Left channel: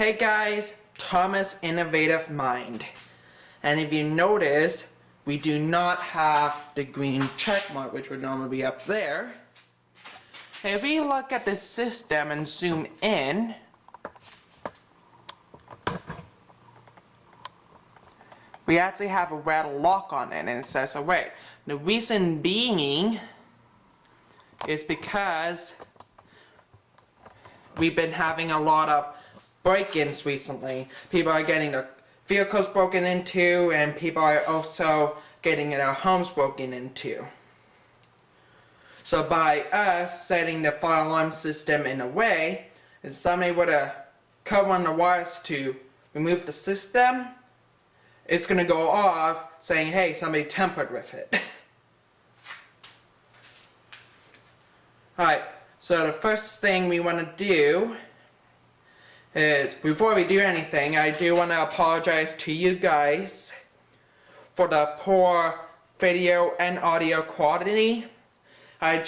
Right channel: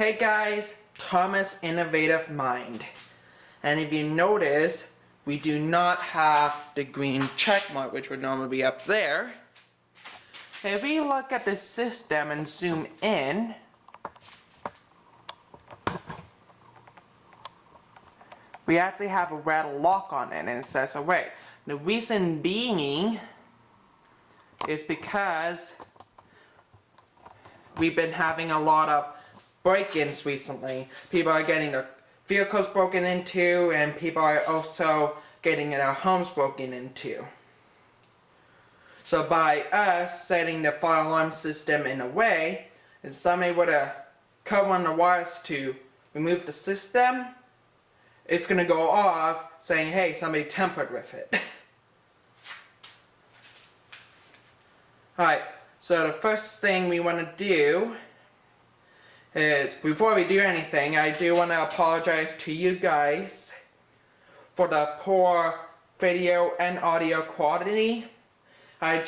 Hey guys, Thomas Innovative Mind. And if you notice, we do not have the green check mark, which would normally be up there. If we look at the system and zoom in, we actually have a red lock on it, and it says away. The reason being is because we've been having a lot of break-ins recently. People are getting their vehicles broken into, and people are also getting their homes broken into. So by us setting the fire alarm system in a way, if somebody were to cut one of the wires to remove the system, it's going to go off saying, hey, somebody tampered with it. Alright, so the first thing we want to do is, before we do anything, I do want to apologize to you guys for the poor video and audio quality. I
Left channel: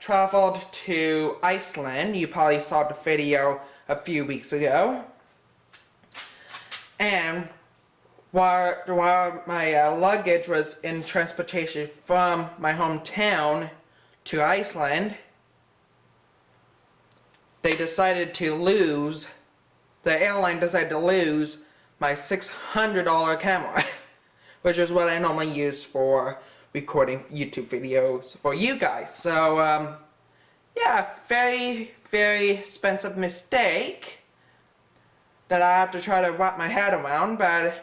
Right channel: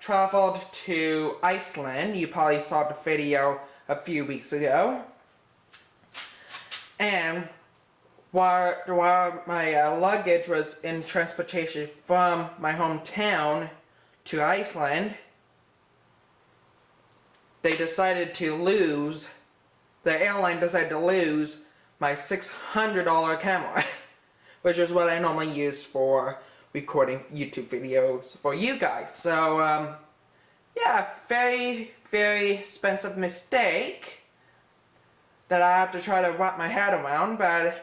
traveled to Iceland. You probably saw the video a few weeks ago. And while my luggage was in transportation from my hometown to Iceland, the airline decided to lose my $600 camera, which is what I normally use for recording YouTube videos for you guys. So, yeah, very, very expensive mistake that I have to try to wrap my head around, but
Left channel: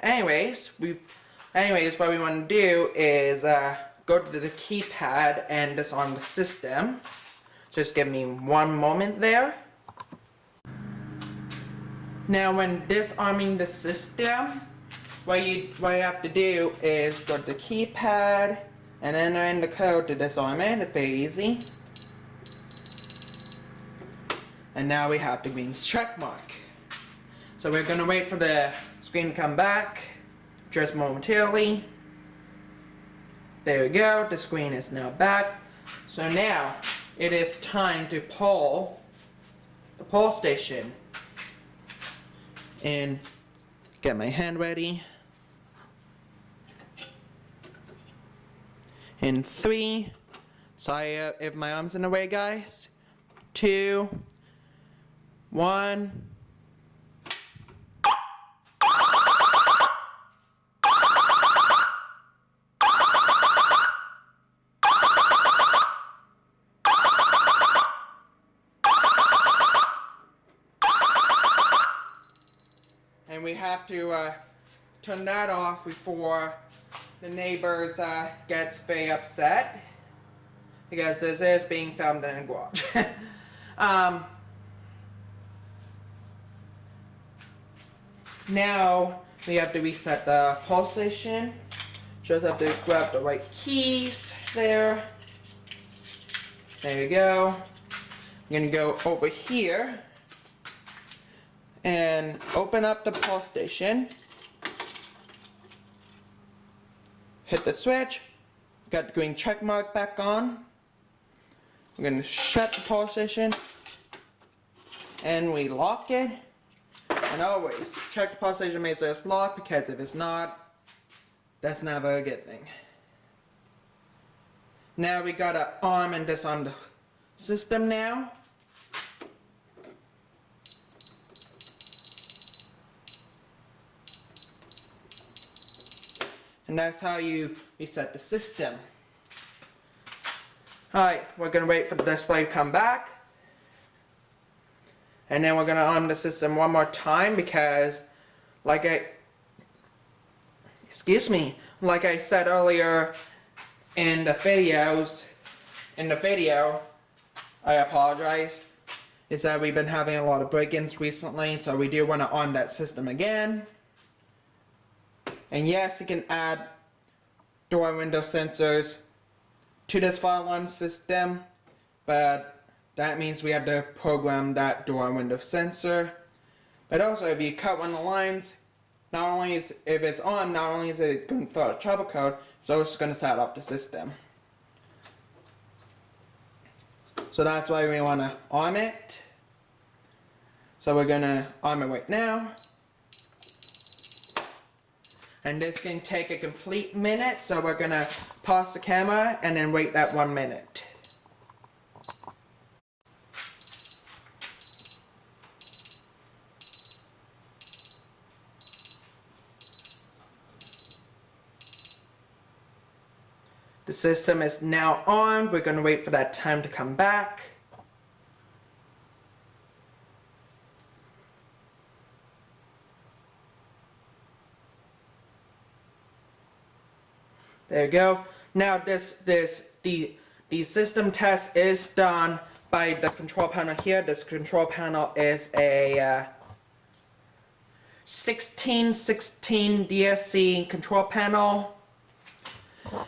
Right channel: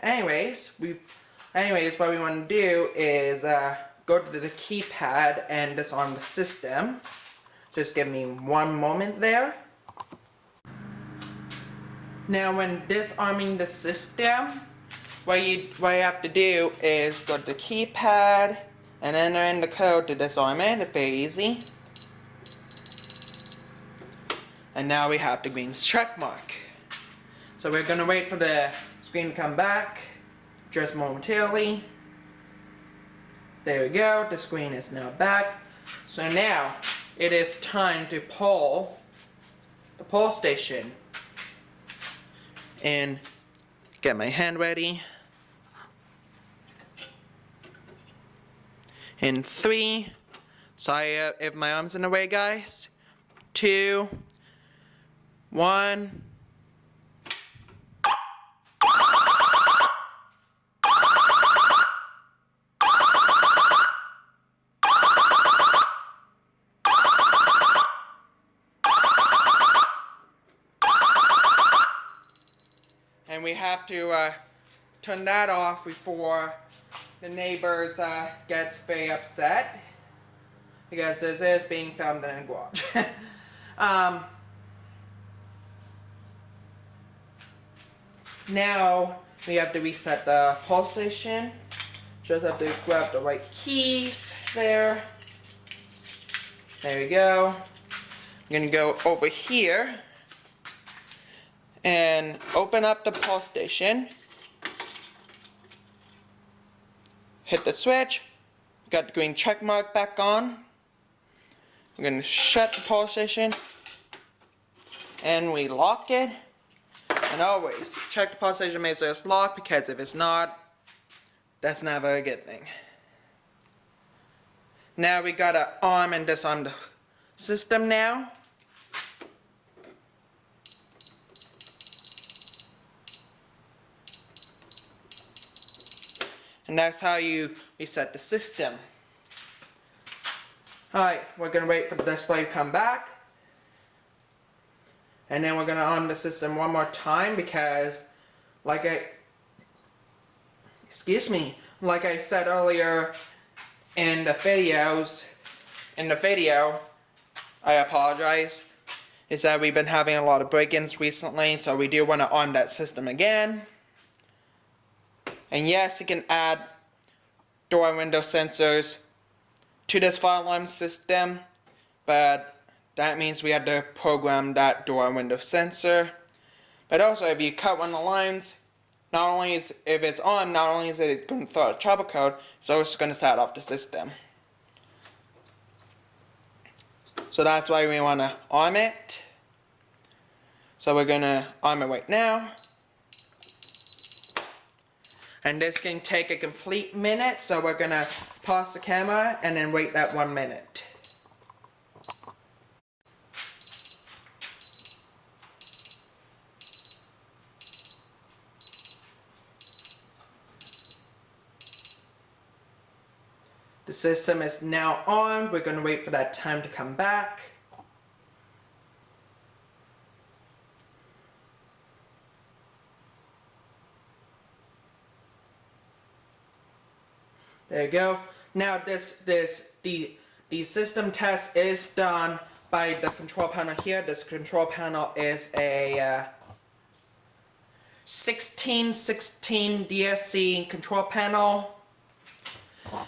anyways, what we want to do is go to the keypad and disarm the system. Just give me one moment there. Now when disarming the system, what you have to do is go to the keypad and enter in the code to disarm it. It's very easy. And now we have the green check mark. So we're going to wait for the screen to come back just momentarily. There we go, the screen is now back. So now it is time to pull the pull station and get my hand ready. In 3, sorry if my arm's in the way, guys. 2, 1. And we have to turn that off before the neighbors gets very upset, because this is being filmed in a garage. Now we have to reset the pull station. Just have to grab the right keys there. There we go. I'm gonna go over here and open up the pull station. Hit the switch. Got the green check mark back on. We're going to shut the pull station and we lock it. And always check the pull station, make sure it's locked, because if it's not, that's never a good thing. Now we gotta arm and disarm the system now. And that's how you reset the system. Alright, we're going to wait for the display to come back. And then we're going to arm the system one more time, because like I said earlier in the video, I apologize, is that we've been having a lot of break-ins recently, so we do want to arm that system again. And yes, you can add door and window sensors to this fire alarm system, but that means we have to program that door and window sensor. But also, if you cut one of the lines, not only is if it's on, not only is it going to throw a trouble code, it's also going to set off the system. So that's why we want to arm it. So we're gonna arm it right now. And this can take a complete minute, so we're gonna pause the camera and then wait that 1 minute. The system is now on. We're gonna wait for that time to come back. There you go. Now the system test is done by the control panel here. This control panel is a 1616 DSC control panel.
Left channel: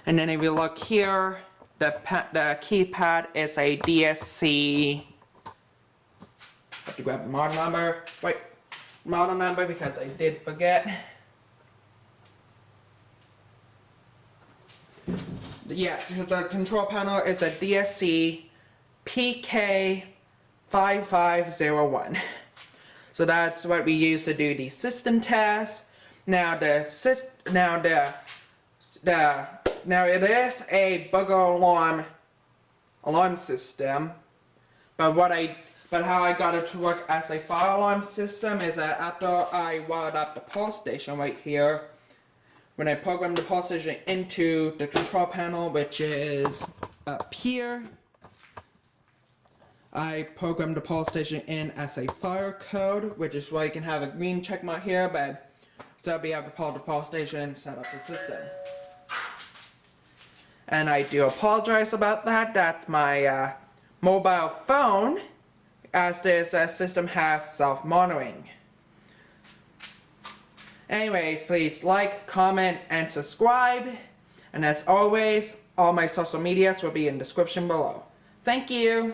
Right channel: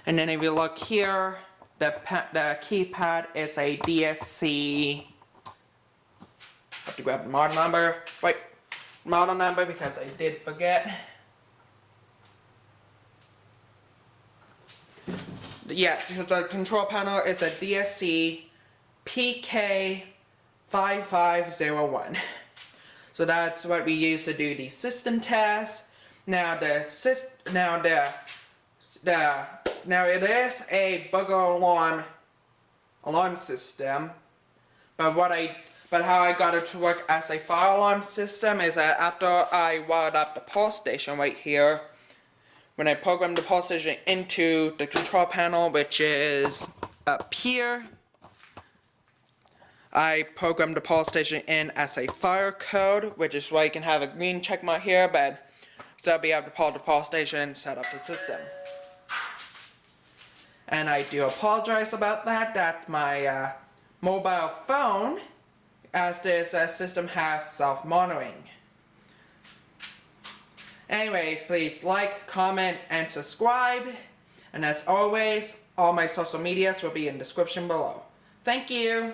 And then if you look here, the keypad is a DSC. I have to grab the model number. Wait, model number because I did forget. Yeah, the control panel is a DSC PK5501. So that's what we use to do the system test. Now it is a bugger alarm system, but how I got it to work as a fire alarm system is that after I wired up the pulse station right here, when I programmed the pulse station into the control panel, which is up here, I programmed the pulse station in as a fire code, which is why you can have a green check mark here, but so I'll be able to pull the pulse station and set up the system. And I do apologize about that. That's my mobile phone, as this system has self-monitoring. Anyways, please like, comment, and subscribe. And as always, all my social medias will be in the description below. Thank you!